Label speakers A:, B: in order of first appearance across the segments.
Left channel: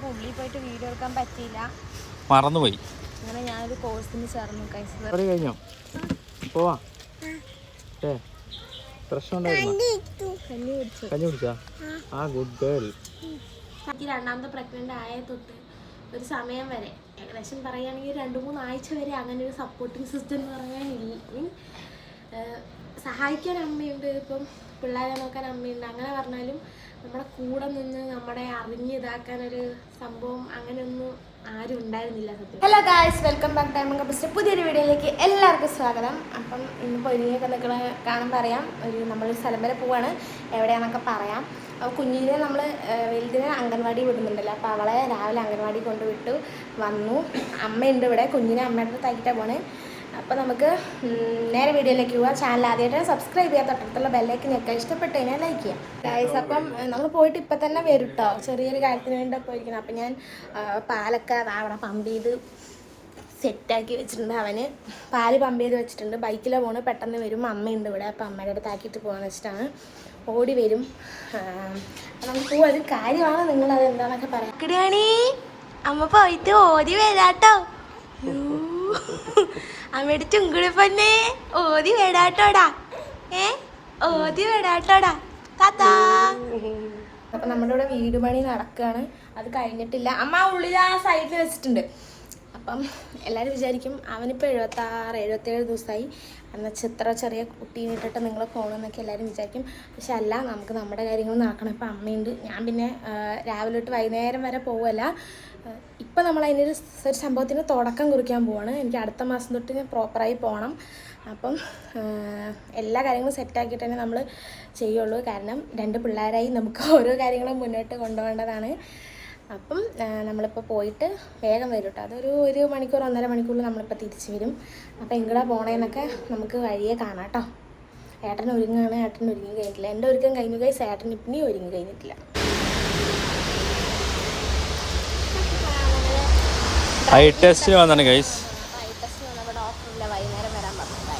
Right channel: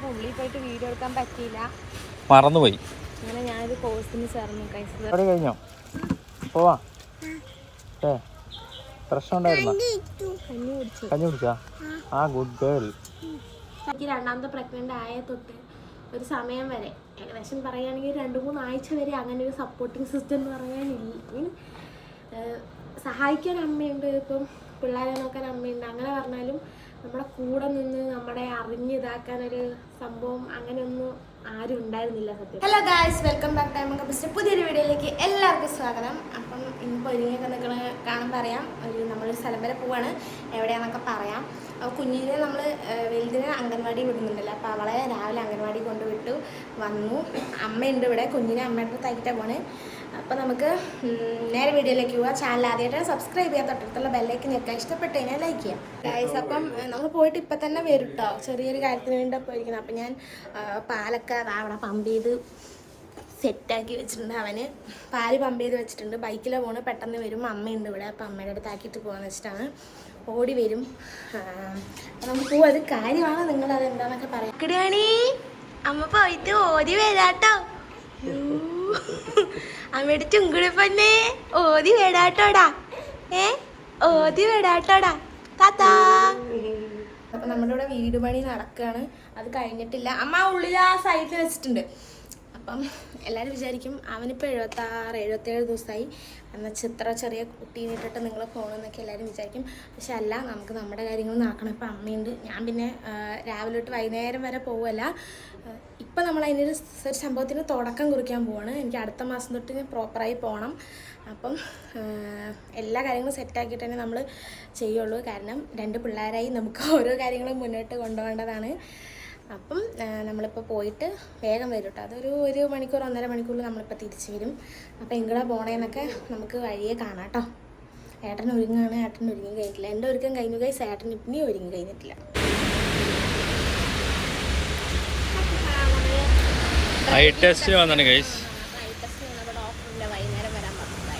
A: അപ്പോൾ ഉള്ളിൽ പോയിട്ട് വീഡിയോ എടുക്കാൻ പറ്റിയില്ല.
B: മറന്നുപോയി.
A: അങ്ങനെ ഞാനൊരു കോഴ്സിന് ചേർന്നു
B: കഴിഞ്ഞോ? പോവാ. ഏ പ്രശ്നം ഉണ്ടായിരുന്നോ?
A: കഞ്ഞി കുടിച്ചു.
B: കഞ്ഞി കുടിച്ചാ. ആ. ഗുഡ് ഗേൾ
A: എനിക്ക് രണ്ടാമത്തെ പ്രഗ്നന്റ് ആയ തൊട്ട് ഒരു സമയം വരെ ഏകദേശം പറയുകയാണെങ്കിൽ രണ്ട് മൂന്ന് ആഴ്ച വരെ അങ്ങനെ ഒരു സപ്പോർട്ടിങ് സിസ്റ്റം എന്ന് പറയാനില്ല മീൻ സഹായിക്കാൻ അമ്മയുണ്ട്. ഇപ്പം പിള്ളേരെ നോക്കാൻ അമ്മയുണ്ട്. അങ്ങനെ പറഞ്ഞാലും നമ്മുടെ കൂടെ നിന്ന് നമ്മുടെ അറിഞ്ഞിതാക്കാൻ ഇതാക്കാനൊരു സംഭവം അങ്ങനെയൊന്നും ആരും ഉണ്ടായിരുന്നില്ല സത്യം. Hello guys welcome back time കപ്പിസ്റ്റ് പുതിയൊരു വീഡിയോയിലേക്ക് എല്ലാവർക്കും സ്വാഗതം. അപ്പം ഇന്ന് ഒരുങ്ങിയൊക്കെ നിൽക്കണ കാണുമ്പോൾ അറിയാം. ഒരു നമ്മൾ സ്ഥലം വരെ പോവാണ്. എവിടെയാണെന്നൊക്കെ പറയാം. അപ്പോൾ കുഞ്ഞിനെ നമ്മൾ വലുതിനെ അംഗൻവാടി വിടുന്നുണ്ടല്ലോ. അപ്പോൾ അവളെ രാവിലെ അംഗൻവാടി കൊണ്ടുവിട്ടു വന്നു. അമ്മയുണ്ട് ഇവിടെ. കുഞ്ഞിനെ അമ്മയുടെ അടുത്താക്കിയിട്ടാണ് പോണേ അപ്പോൾ നമുക്ക് നേരെ വീഡിയോയിലേക്ക് പോവാം. ചാനൽ ആദ്യമായിട്ട് സബ്സ്ക്രൈബ് ചെയ്യാൻ തൊട്ടടുത്തുള്ള ബെല്ലേക്ക് ഞെക്കാൻ ഇഷ്ടപ്പെട്ട് കഴിഞ്ഞാൽ ലൈക്ക് ചെയ്യാം. ഗൈസ് അപ്പം നമ്മൾ പോയിട്ട് ഇപ്പം തന്നെ വരും കേട്ടോ ചെറിയൊരു കാര്യത്തിന് വേണ്ടി പോയിരിക്കുന്നത് അപ്പം ഞാൻ പാലൊക്കെ അവിടെ പമ്പ് ചെയ്ത് സെറ്റാക്കി വെച്ചിട്ടുണ്ട് അവന്. പാൽ പമ്പ് ചെയ്ത് വെച്ചിട്ടുണ്ട്. ബൈക്കിലാണ് പോണ്. പെട്ടെന്ന് വരും. അമ്മയുണ്ട് ഇവിടെ. അപ്പം അമ്മയുടെ അടുത്ത് ആക്കിയിട്ട് പോകാന്ന് വെച്ചിട്ടാണ്. ഓടി വരും. നമുക്ക് ഒരു കാര്യമാണ് നിങ്ങളത് എന്താണെന്നൊക്കെ പറയാം. കിടിയാണി അമ്മ പോയിട്ട് ഓടി വരാട്ടോ. അമ്മയുടെ ചുങ്കുളിപ്പന്നെ പൊന്നെ. ഓടി വേടാട്ടോടാ. ഏ? ഓതി വേടാട്ടോടാ. താത്താ. അപ്പൊ നമ്മുടെ ഇവിടെ വീട് പണി നടക്കുകയാണ് അത് കഴിഞ്ഞിട്ടില്ല. അമ്മ ഉള്ളിൽ ആ സൈഡിൽ വെച്ചിട്ടുണ്ട്. അപ്പം എല്ലാവരും വിചാരിക്കും അവനിപ്പോൾ എഴുപത്താറ് എഴുപത്തേഴ് ദിവസമായി. എന്നുവെച്ചാൽ ചിത്ര ചെറിയ കുട്ടീനെ ഇട്ടിട്ട് നിങ്ങൾ പോകണമെന്നൊക്കെ എല്ലാവരും വിചാരിക്കും. പക്ഷെ അല്ല നമുക്ക് നമ്മുടെ കാര്യങ്ങൾ നടക്കണം ഇപ്പം അമ്മയുണ്ട്. ഞാൻ പിന്നെ രാവിലെ തൊട്ട് വൈകുന്നേരം വരെ പോവുമല്ല ഇപ്പം നമ്മൾ അതിനൊരു ഒരു സംഭവത്തിന് തുടക്കം കുറിക്കാൻ പോവാണ്. എനിക്ക് അടുത്ത മാസം തൊട്ട് ഞാൻ പ്രോപ്പറായി പോകണം അപ്പം എല്ലാ കാര്യങ്ങളും സെറ്റാക്കിയിട്ട് തന്നെ നമ്മൾ ചെയ്യുള്ളൂ. കാരണം രണ്ട് പിള്ളേരായി നമുക്ക് ഓരോ കാര്യങ്ങളും മുന്നോട്ട് കൊണ്ടുപോകേണ്ടതാണ്. അപ്പം നമ്മളിപ്പോൾ പോയിട്ട് വേഗം വരും കേട്ടോ. അതൊരു ഒരു മണിക്കൂർ ഒന്നര മണിക്കൂറിൽ നമ്മളിപ്പോൾ തിരിച്ചു വരും. അപ്പോൾ എങ്ങടാ പോണേന്നൊക്കെ നമുക്ക് വഴിയെ കാണാം കേട്ടോ. ഏട്ടൻ ഒരുങ്ങാണ് ഏട്ടൻ ഒരുങ്ങി കഴിഞ്ഞിട്ടില്ല. എന്റെ ഒരുക്കം കഴിഞ്ഞു കൈസ് ഏട്ടൻ ഇപ്പിനി ഒരുങ്ങി കഴിഞ്ഞിട്ടില്ല.
B: ഐ ടെസ്റ്റ് വന്നാണ് ഗൈസ്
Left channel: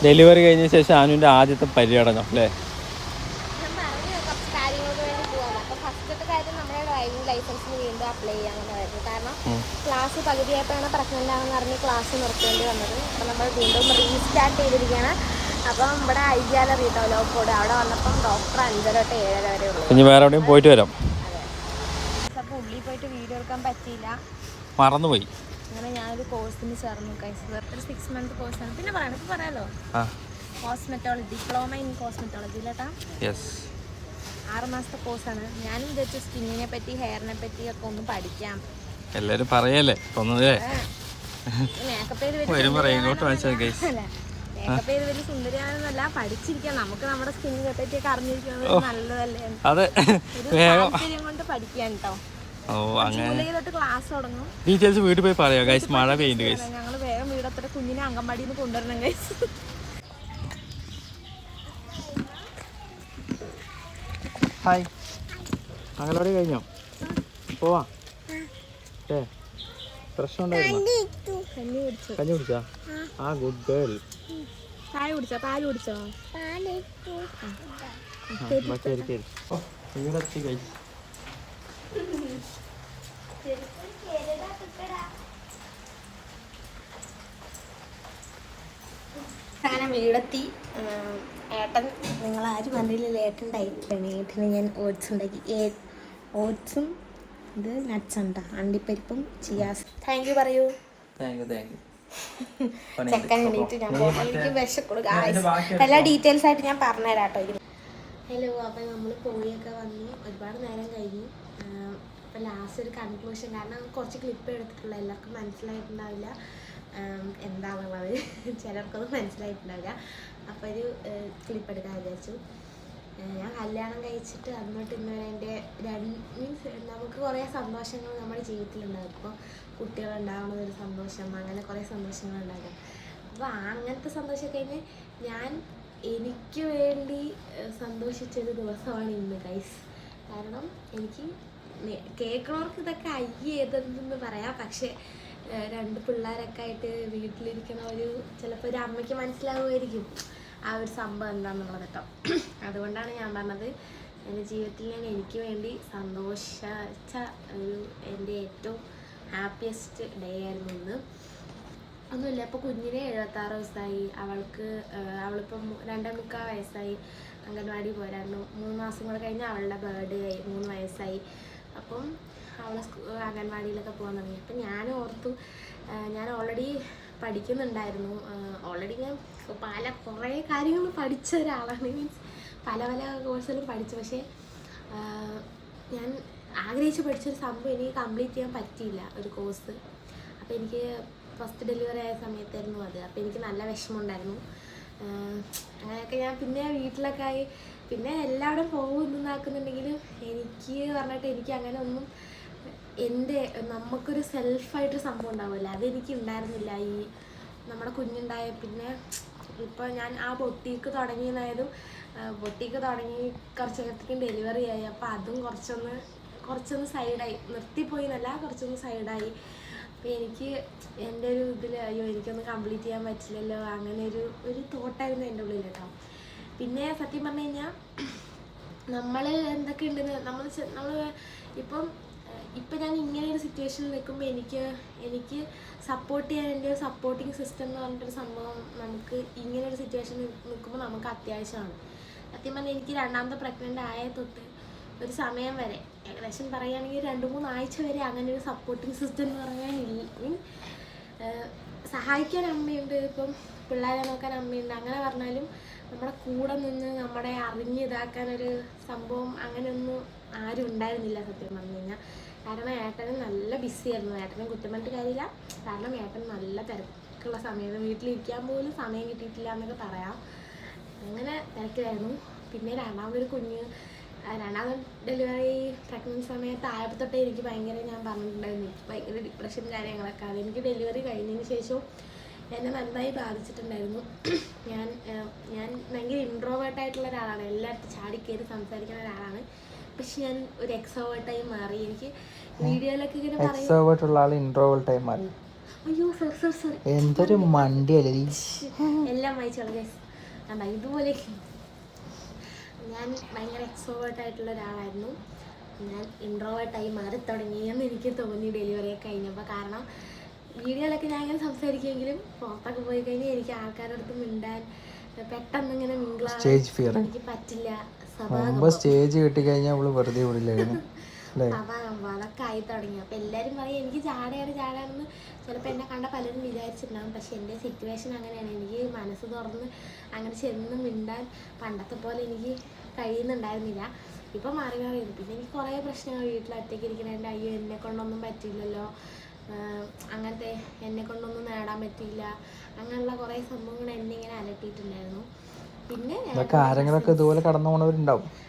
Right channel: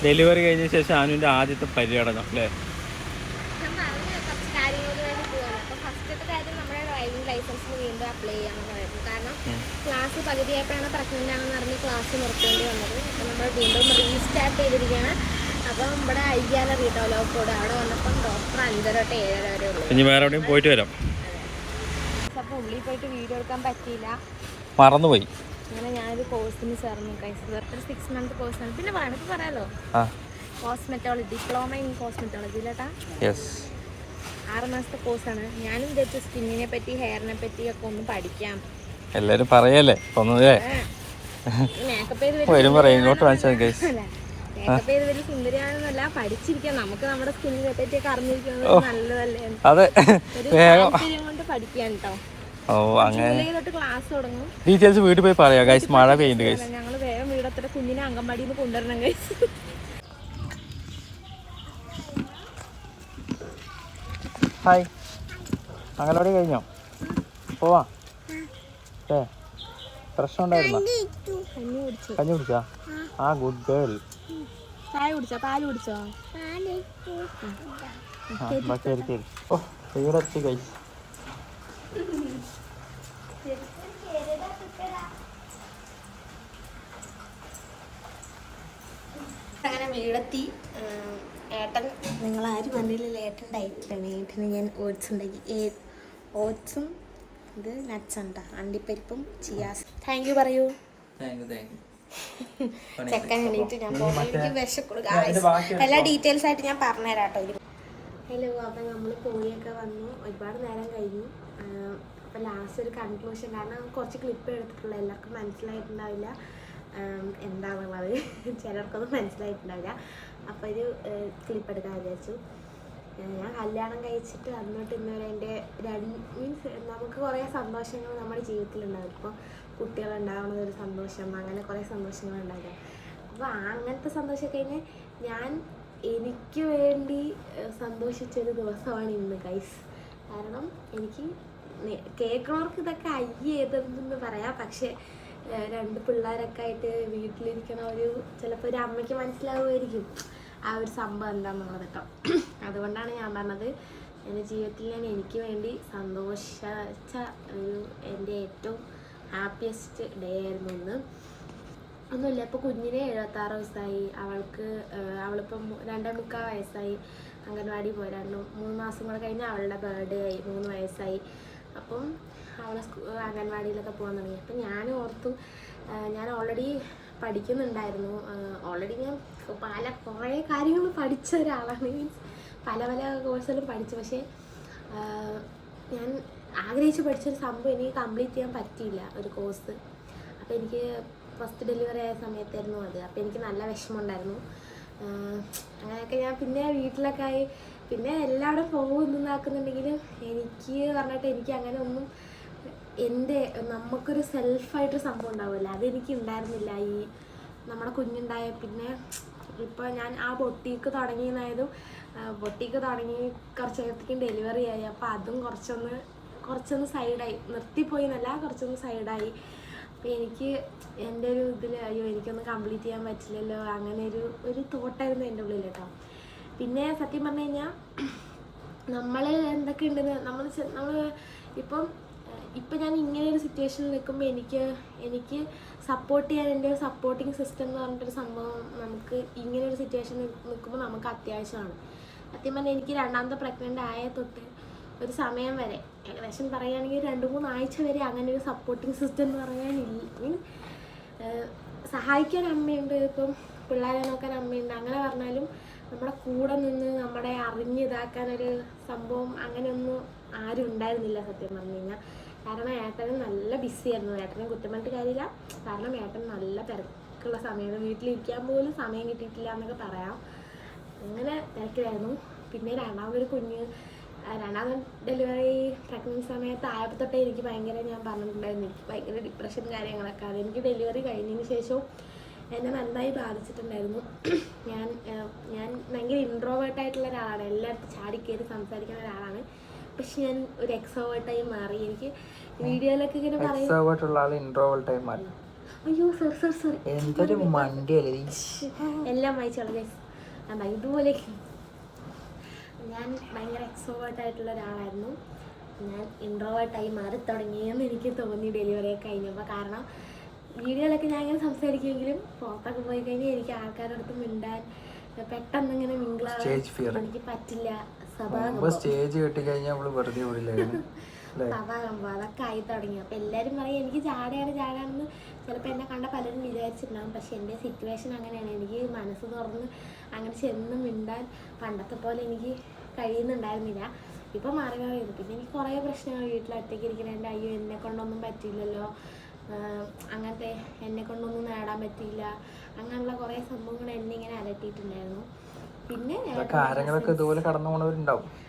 B: ഡെലിവറി കഴിഞ്ഞ ശേഷം അനുവിന്റെ ആദ്യത്തെ പര്യടനം അല്ലേ?
A: ക്ലാസ് പകുതിയായിട്ടാണ് പ്രഗ്നന്റ് ആണെന്ന് അറിഞ്ഞ് ക്ലാസ് നിർത്തേണ്ടി വന്നത്. അപ്പം നമ്മൾ വീണ്ടും റീസ്റ്റാർട്ട് ചെയ്തിരിക്കുകയാണ്. അപ്പം ഇവിടെ കേട്ടോ ലോക്കോട്. അവിടെ വന്നപ്പം ഡോക്ടർ അഞ്ചര തൊട്ട് ഏഴര വരെ ഉള്ളൂ.
B: വേറെ എവിടെയും പോയിട്ട് വരാം.
A: അപ്പം ഉള്ളിൽ പോയിട്ട് വീഡിയോ എടുക്കാൻ പറ്റിയില്ല.
B: മറന്നുപോയി.
A: അങ്ങനെ ഞാനൊരു കോഴ്സിന് ചേർന്നു. കൈസ് ഒരു സിക്സ് മന്ത് കോഴ്സാണ് പിന്നെ വേണമെങ്കിൽ പറയാലോ? കോസ്മെറ്റോളജി ഡിപ്ലോമ ഇൻ കോസ്മെറ്റോളജി കേട്ടാ ആറ് മാസത്തെ കോഴ്സാണ് ഞാനും വിചാരിച്ചു സ്കിന്നിനെ പറ്റി ഹെയറിനെ പറ്റി ഒക്കെ ഒന്ന് പഠിക്കാം.
B: എല്ലാരും പറയല്ലേ? ഒന്നേ
A: സുന്ദരിയാണെന്നല്ല പഠിച്ചിരിക്കാം. നമുക്ക് നമ്മുടെ സ്കിന്നിനെ പറ്റിയൊക്കെ അറിഞ്ഞിരിക്കുന്നത് നല്ലതല്ലേ? കൊണ്ട് പഠിക്കാൻ കേട്ടോ
B: ഓ അങ്ങനെ.
A: ജൂലൈ ക്ലാസ് തുടങ്ങും.
B: ഡീറ്റെയിൽസ് വീട്ടിൽ പോയി പറയാം ഗൈസ് മഴ പെയ്യുന്നുണ്ട് ഗൈസ്
A: ഞങ്ങൾ വേഗം വീടത്ര കുഞ്ഞിനെ അംഗൻവാടിയിൽ നിന്ന് കൊണ്ടുവരണം ഗൈസ്
B: ഹായ് അംഗനവാടി കഴിഞ്ഞോ? പോവാ. ഏ പ്രശ്നം ഉണ്ടായിരുന്നോ?
A: കഞ്ഞി കുടിച്ചു.
B: കഞ്ഞി കുടിച്ചാ. ആ ഗുഡ് ഗേൾ
A: ചായ കുടിച്ചോ? പാൽ കുടിച്ചോ?
B: ശരി ഓ വീടെത്തി ഗൈസ്
A: അങ്ങനെ വീടെത്തി. ഏട്ടൻ നിങ്ങൾ ആരും പറഞ്ഞില്ലല്ലോ ഏട്ടൻ ഡയറ്റിലാണ് ഏട്ടന് ഞാൻ ഓട്സ് ഉണ്ടാക്കി. ഓട്സും ഇത് നട്ട്സ് ഉണ്ടോ അണ്ടിപ്പരിപ്പും ചിയാസ് താങ്ക് യു പറയൂ. ചെക്കൻ വേണ്ടിയിട്ട് ഞാൻ പോകുമ്പോൾ എനിക്ക് ഗായ്സ് എല്ലാ ഡീറ്റെയിൽസ് ആയിട്ട് ഞാൻ പറഞ്ഞുതരാം കേട്ടോ ഹലോ അപ്പം നമ്മൾ പോയൊക്കെ വന്നു. ഒരുപാട് നേരം കഴിഞ്ഞു. അപ്പം ലാസ്റ്റ് ഒരു കൺക്ലൂഷൻ കാരണം കുറച്ച് ക്ലിപ്പ് എടുത്തിട്ടുള്ള. എല്ലാവർക്കും മനസ്സിലായിട്ടുണ്ടാവില്ല. എന്താണെന്നുള്ളത് ചിലർക്കൊന്നും മനസ്സിലായിട്ടുണ്ടാവില്ല. അപ്പോൾ ഒരു ക്ലിപ്പ് എടുക്കാൻ വിചാരിച്ചു. ഞാൻ കല്യാണം കഴിച്ചിട്ട് അന്നോട്ട് ഇന്ന് വരെ എന്റെ രണ്ട് മീൻസ് നമുക്ക് കുറേ സന്തോഷങ്ങൾ നമ്മുടെ ജീവിതത്തിലുണ്ടാകും ഇപ്പോൾ കുട്ടികളുണ്ടാവുന്നത് ഒരു സന്തോഷം അങ്ങനെ കുറേ സന്തോഷങ്ങൾ ഉണ്ടാകാം അപ്പോൾ അങ്ങനത്തെ സന്തോഷം കഴിഞ്ഞ് ഞാൻ എനിക്ക് വേണ്ടി സന്തോഷിച്ചൊരു ദിവസമാണ് ഇന്ന് ഗൈസ് കാരണം എനിക്ക് കേൾക്കണവർക്ക് ഇതൊക്കെ അയ്യേ ഏതെന്ന് പറയാം. പക്ഷെ രണ്ട് പിള്ളേരൊക്കെ ആയിട്ട് വീട്ടിലിരിക്കണ ഒരു ചിലപ്പോൾ ഒരു അമ്മയ്ക്ക് മനസ്സിലാവുമായിരിക്കും ആ ഒരു സംഭവം എന്താണെന്നുള്ളത് കേട്ടോ. അതുകൊണ്ടാണ് ഞാൻ പറഞ്ഞത് എന്റെ ജീവിതത്തിൽ ഞാൻ എനിക്ക് വേണ്ടി സന്തോഷിച്ച ഒരു എന്റെ ഏറ്റവും ഹാപ്പിയസ്റ്റ് ഡേ ആയിരുന്നു ഇന്ന്. ഒന്നുമില്ല ഇപ്പോൾ കുഞ്ഞിന് എഴുപത്താറ് വയസ്സായി. അവൾക്ക് അവളിപ്പം രണ്ടേ മുക്കാൽ വയസ്സായി. അംഗൻവാടി പോരായിരുന്നു. മൂന്ന് മാസം കൂടെ കഴിഞ്ഞ് അവളുടെ ബർത്ത്ഡേ ആയി. മൂന്ന് വയസ്സായി. അപ്പം അവളെ സ്കൂ അംഗൻവാടിയിലൊക്കെ പോകാൻ തുടങ്ങി. അപ്പം ഞാൻ ഓർത്തു ഞാൻ ഓൾറെഡി പഠിക്കുന്നുണ്ടായിരുന്നു. ഓൾറെഡി ഞാൻ പല കുറേ കാര്യങ്ങൾ പഠിച്ച ഒരാളാണ്. മീൻസ് പല പല കോഴ്സുകളും പഠിച്ചു. പക്ഷേ ഞാൻ ആഗ്രഹിച്ച് പഠിച്ചൊരു സംഭവം എനിക്ക് കംപ്ലീറ്റ് ചെയ്യാൻ പറ്റിയില്ല ഒരു കോഴ്സ് അപ്പോൾ എനിക്ക് ഫസ്റ്റ് ഡെലിവറി ആയ സമയത്തായിരുന്നു അത്. അപ്പോൾ എനിക്ക് നല്ല വിഷമമുണ്ടായിരുന്നു. അങ്ങനെയൊക്കെ ഞാൻ പിന്നെ വീട്ടിലൊക്കെ ആയി പിന്നെ എല്ലാവരും പോകും എനിക്ക് പറഞ്ഞിട്ട് എനിക്ക് അങ്ങനെ ഒന്നും എന്റെ നമുക്കൊരു സെൽഫായിട്ടൊരു സംഭവം ഉണ്ടാവില്ല. അതെനിക്ക് ഉണ്ടായിരുന്നില്ല. ഈ നമ്മുടെ കുഞ്ഞുണ്ടായ പിന്നെ ഇപ്പോൾ ഞാൻ ആ ബൊട്ടീക്ക് തുടങ്ങിയതായതും ബൊട്ടീക്ക് തുടങ്ങി കുറച്ച് നേരത്തേക്കും ഡെലിവറി ആയി. അപ്പോൾ അതും കുറച്ചൊന്ന് കുറച്ചൊന്ന് സൈഡായി നിർത്തിപ്പോയി എന്നല്ല കുറച്ചൊന്ന് സൈഡായി അപ്പോൾ എനിക്ക് എന്റെ ഒരു ഇതിൽ അയ്യോ എനിക്കൊന്നും കംപ്ലീറ്റ് ചെയ്യാൻ പറ്റില്ലല്ലോ. അങ്ങനെ ഒരു ഒരു തോട്ടായിരുന്നു എന്റെ ഉള്ളിൽ കേട്ടോ പിന്നെ സത്യം പറഞ്ഞു കഴിഞ്ഞാൽ നമ്മൾ എന്തൊക്കെ ഉണ്ടെന്ന് നമ്മൾ നമ്മൾ ഇപ്പം ഇപ്പം ഞാൻ ഇങ്ങനെ ഒരു സിറ്റുവേഷനിൽ നിൽക്കുമ്പോൾ എനിക്ക് എനിക്ക് സപ്പോർട്ട് ചെയ്യാൻ എന്റെ ഒരു സപ്പോർട്ടിങ് സിസ്റ്റം എന്ന് പറഞ്ഞിട്ടൊരു സംഭവം നമുക്ക് ഇങ്ങനെ ഒരു സിറ്റുവേഷനിൽ നിൽക്കുമ്പോൾ നമുക്ക് അത്യാവശ്യമാണ്. സത്യം പറഞ്ഞാൽ എനിക്ക് രണ്ടാമത്തെ പ്രഗ്നന്റ് ആയ തൊട്ട് ഒരു സമയം വരെ ഏകദേശം പറയുകയാണെങ്കിൽ രണ്ട് മൂന്ന് ആഴ്ച വരെ അങ്ങനെ ഒരു സപ്പോർട്ടിങ് സിസ്റ്റം എന്ന് പറയാൻ മീൻ സഹായിക്കാൻ അമ്മയുണ്ട്. ഇപ്പം പിള്ളേരെ നോക്കാൻ അമ്മയുണ്ട്. അങ്ങനെ പറഞ്ഞാലും നമ്മുടെ കൂടെ നിന്ന് നമ്മളെ അറിഞ്ഞ് ഇതാക്കാനൊരു സംഭവം അങ്ങനെയൊന്നും ആരും ഉണ്ടായിരുന്നില്ല സത്യം പറഞ്ഞു കഴിഞ്ഞാൽ കാരണം ഏട്ടന് നല്ല ബിസി ആയിരുന്നു. ഏട്ടനെ കുറ്റം പറഞ്ഞിട്ട് കാര്യമില്ല. കാരണം ഏട്ടൻ നല്ല തിരക്കുള്ള സമയത്ത് വീട്ടിലിരിക്കാൻ പോലും സമയം കിട്ടിയിട്ടില്ല എന്നൊക്കെ പറയാം. അങ്ങനെ തിരക്കിലായിരുന്നു. പിന്നെ രണ്ടാമതൊരു കുഞ്ഞ് രണ്ടാമത് ഡെലിവറി പ്രഗ്നൻസ് സമയത്ത് ആയപ്പോൾ തൊട്ടേ എനിക്ക് ഭയങ്കര ഞാൻ പറഞ്ഞിട്ടുണ്ടായിരുന്നു. എനിക്ക് ഭയങ്കര ഡിപ്രഷൻ കാര്യങ്ങളൊക്കെ. അത് എനിക്ക് ഡെലിവറി കഴിഞ്ഞതിന് ശേഷവും എന്നെ നന്നായി ബാധിച്ചിട്ടുണ്ടായിരുന്നു. ഞാൻ ഞാൻ ഭയങ്കര ഇൻട്രോവേർട്ട് ആയിട്ടുള്ള ഒരാളാണ്. എല്ലായിടത്തും ചാടിക്കയറി സംസാരിക്കുന്ന ഒരാളാണ്. പക്ഷെ ഞാൻ ഒരു എക്സോവേർട്ടായി മാറി. എനിക്ക് വീഡിയോയിലൊക്കെ ഇങ്ങനെ പറയും. അയ്യോ സോറി സോറി സോറി എല്ലാം വായിച്ചോളൂ ഗൈസ് ഇതുപോലെ. ഞാൻ ഭയങ്കര എക്സോവേർട്ട് ആയിട്ടുള്ള ഒരാളായിരുന്നു. ഞാൻ ഇൻട്രോവേർട്ടായി മാറി തുടങ്ങിയെന്ന് എനിക്ക് തോന്നി ഡെലിവറി ഒക്കെ കഴിഞ്ഞപ്പോൾ. കാരണം വീഡിയോയിലൊക്കെ ഞാൻ ഇങ്ങനെ സംസാരിക്കുമെങ്കിലും പുറത്തൊക്കെ പോയി കഴിഞ്ഞാൽ എനിക്ക് ആൾക്കാരുടെ അടുത്ത് മിണ്ടാൻ പെട്ടെന്ന് ഇങ്ങനെ
B: മിങ്കിളാവാൻ
A: എനിക്ക് പറ്റില്ല.
B: സ്റ്റേജ് കിട്ടി കഴിഞ്ഞാൽ അവൾ വെറുതെ വിടില്ല? അല്ലേ?
A: സഭാകമ്പം അതൊക്കെ ആയി തുടങ്ങി. അപ്പൊ എല്ലാരും പറയും എനിക്ക് ചാടയാണ് ചാടാണെന്ന്. ചിലപ്പോൾ എന്നെ കണ്ട പലരും വിചാരിച്ചിട്ടുണ്ടാകും പക്ഷെ എന്റെ സിറ്റുവേഷൻ അങ്ങനെയാണ്. എനിക്ക് മനസ്സ് തുറന്ന് അങ്ങനെ ചെന്ന് മിണ്ടാൻ പണ്ടത്തെ പോലെ എനിക്ക് കഴിയുന്നുണ്ടായിരുന്നില്ല. ഇപ്പം മാറി മാറി പിന്നെ എനിക്ക് കുറേ പ്രശ്നങ്ങൾ വീട്ടിൽ ഒറ്റയ്ക്ക് ഇരിക്കണേന്റെ അയ്യോ എന്നെ കൊണ്ടൊന്നും പറ്റില്ലല്ലോ അങ്ങനത്തെ എന്നെ കൊണ്ടൊന്നും നേടാൻ പറ്റിയില്ല. അങ്ങനെയുള്ള കുറേ സംഭവങ്ങൾ എന്നെ ഇങ്ങനെ അലട്ടിയിട്ടുണ്ടായിരുന്നു. പിന്നെ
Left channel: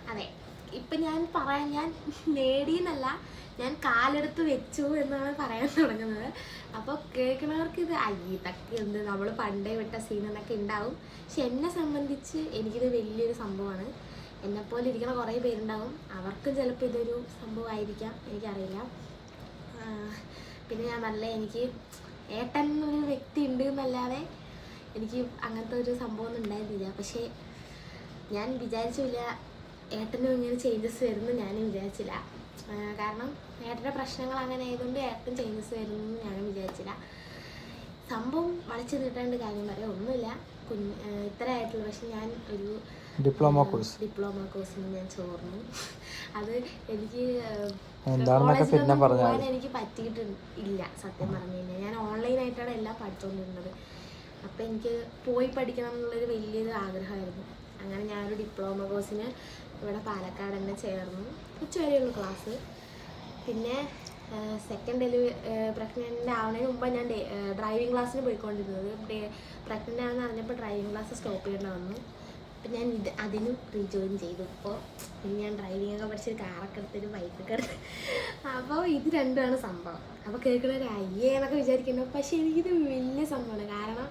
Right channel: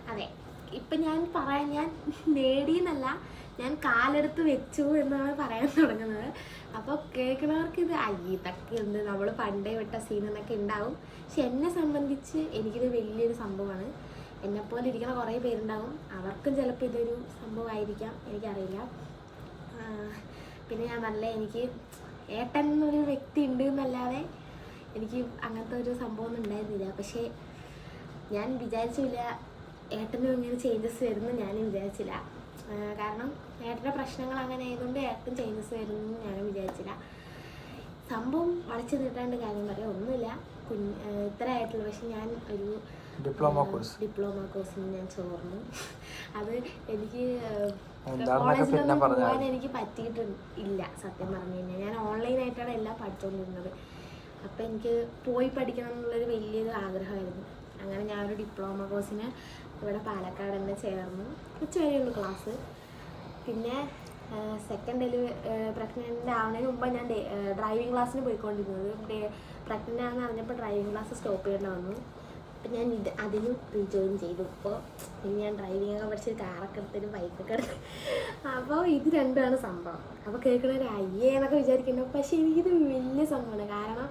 A: അതെ. ഇപ്പൊ ഞാൻ പറയാൻ ഞാൻ നേടിയെന്നല്ല ഞാൻ കാലെടുത്ത് വെച്ചു എന്നാണ് പറയാൻ തുടങ്ങുന്നത്. അപ്പോൾ കേൾക്കുന്നവർക്ക് ഇത് അയ്യ ഇതൊക്കെ എന്ത്? നമ്മൾ പണ്ടേ വിട്ട സീൻ എന്നൊക്കെ ഉണ്ടാവും. പക്ഷെ എന്നെ സംബന്ധിച്ച് എനിക്കിത് വലിയൊരു സംഭവമാണ്. എന്നെപ്പോലെ ഇരിക്കുന്ന കുറേ പേരുണ്ടാവും. അവർക്കും ചിലപ്പോൾ ഇതൊരു സംഭവമായിരിക്കാം. എനിക്കറിയില്ല. പിന്നെ ഞാൻ നല്ല എനിക്ക് ഏട്ടൻ ഒരു വ്യക്തി ഉണ്ട് എന്നല്ലാതെ എനിക്ക് അങ്ങനത്തെ ഒരു സംഭവം ഉണ്ടായിരുന്നില്ല. പക്ഷേ ഞാൻ വിചാരിച്ചില്ല ഏട്ടനും ഇങ്ങനെ ചേഞ്ചസ് വരുമെന്ന് ഞാനും വിചാരിച്ചില്ല. കാരണം ഏട്ടന്റെ പ്രശ്നങ്ങൾ അങ്ങനെ ആയതുകൊണ്ട് ഏട്ടൻ ചേഞ്ചസ് വരുമെന്ന് ഞാനും വിചാരിച്ചില്ല. സംഭവം വളച്ചു നീട്ടാണ്ട് കാര്യം പറയാം. ഒന്നുമില്ല. കുഞ്ഞ് ഇത്ര ആയിട്ടുള്ളൂ. പക്ഷെ ഞാൻ ഒരു
B: ഡിപ്ലോമ കോഴ്സ്.
A: ഡിപ്ലോമ കോഴ്സിന് ഞാൻ ചോർന്നു. അത് എനിക്ക് കോളേജിലൊന്നും പോകാൻ എനിക്ക് പറ്റിയിട്ട് ഇല്ല സത്യം പറഞ്ഞു കഴിഞ്ഞാൽ. ഞാൻ ഓൺലൈനായിട്ടാണ് എല്ലാം പഠിച്ചുകൊണ്ടിരുന്നത് അപ്പം എനിക്ക് പോയി പഠിക്കണം എന്നുള്ളൊരു വലിയൊരു ആഗ്രഹമായിരുന്നു. അങ്ങനെ ഞാനൊരു ഡിപ്ലോമ കോഴ്സിന് ഇവിടെ പാലക്കാട് തന്നെ ചേർന്നു. ഉച്ചവരെയുള്ള ക്ലാസ് പിന്നെ സെക്കൻഡ് ഡെലിവറി പ്രഗ്നന്റ് ആവുന്നതിന് മുമ്പ് ഞാൻ ഡ്രൈവിംഗ് ക്ലാസ്സിന് പോയിക്കൊണ്ടിരുന്നത്. പ്രഗ്നന്റ് ആണെന്ന് അറിഞ്ഞപ്പോൾ ഡ്രൈവിംഗ് ക്ലാസ് സ്റ്റോപ്പ് ചെയ്യേണ്ടി വന്നു. അപ്പം ഞാൻ ഇത് അതിനും റീജോയിൻ ചെയ്തു. ഇപ്പോൾ ഇനി ഞാൻ ഡ്രൈവിംഗ് ഒക്കെ പഠിച്ച് കാറൊക്കെ എടുത്തൊരു ബൈക്കൊക്കെ എടുത്ത്. അപ്പോൾ ഇത് രണ്ടാണ് സംഭവം. അപ്പോൾ കേൾക്കണവർ അയ്യേ എന്നൊക്കെ വിചാരിക്കുന്നു. പക്ഷേ എനിക്കിത് വലിയ സംഭവമാണ്. കാരണം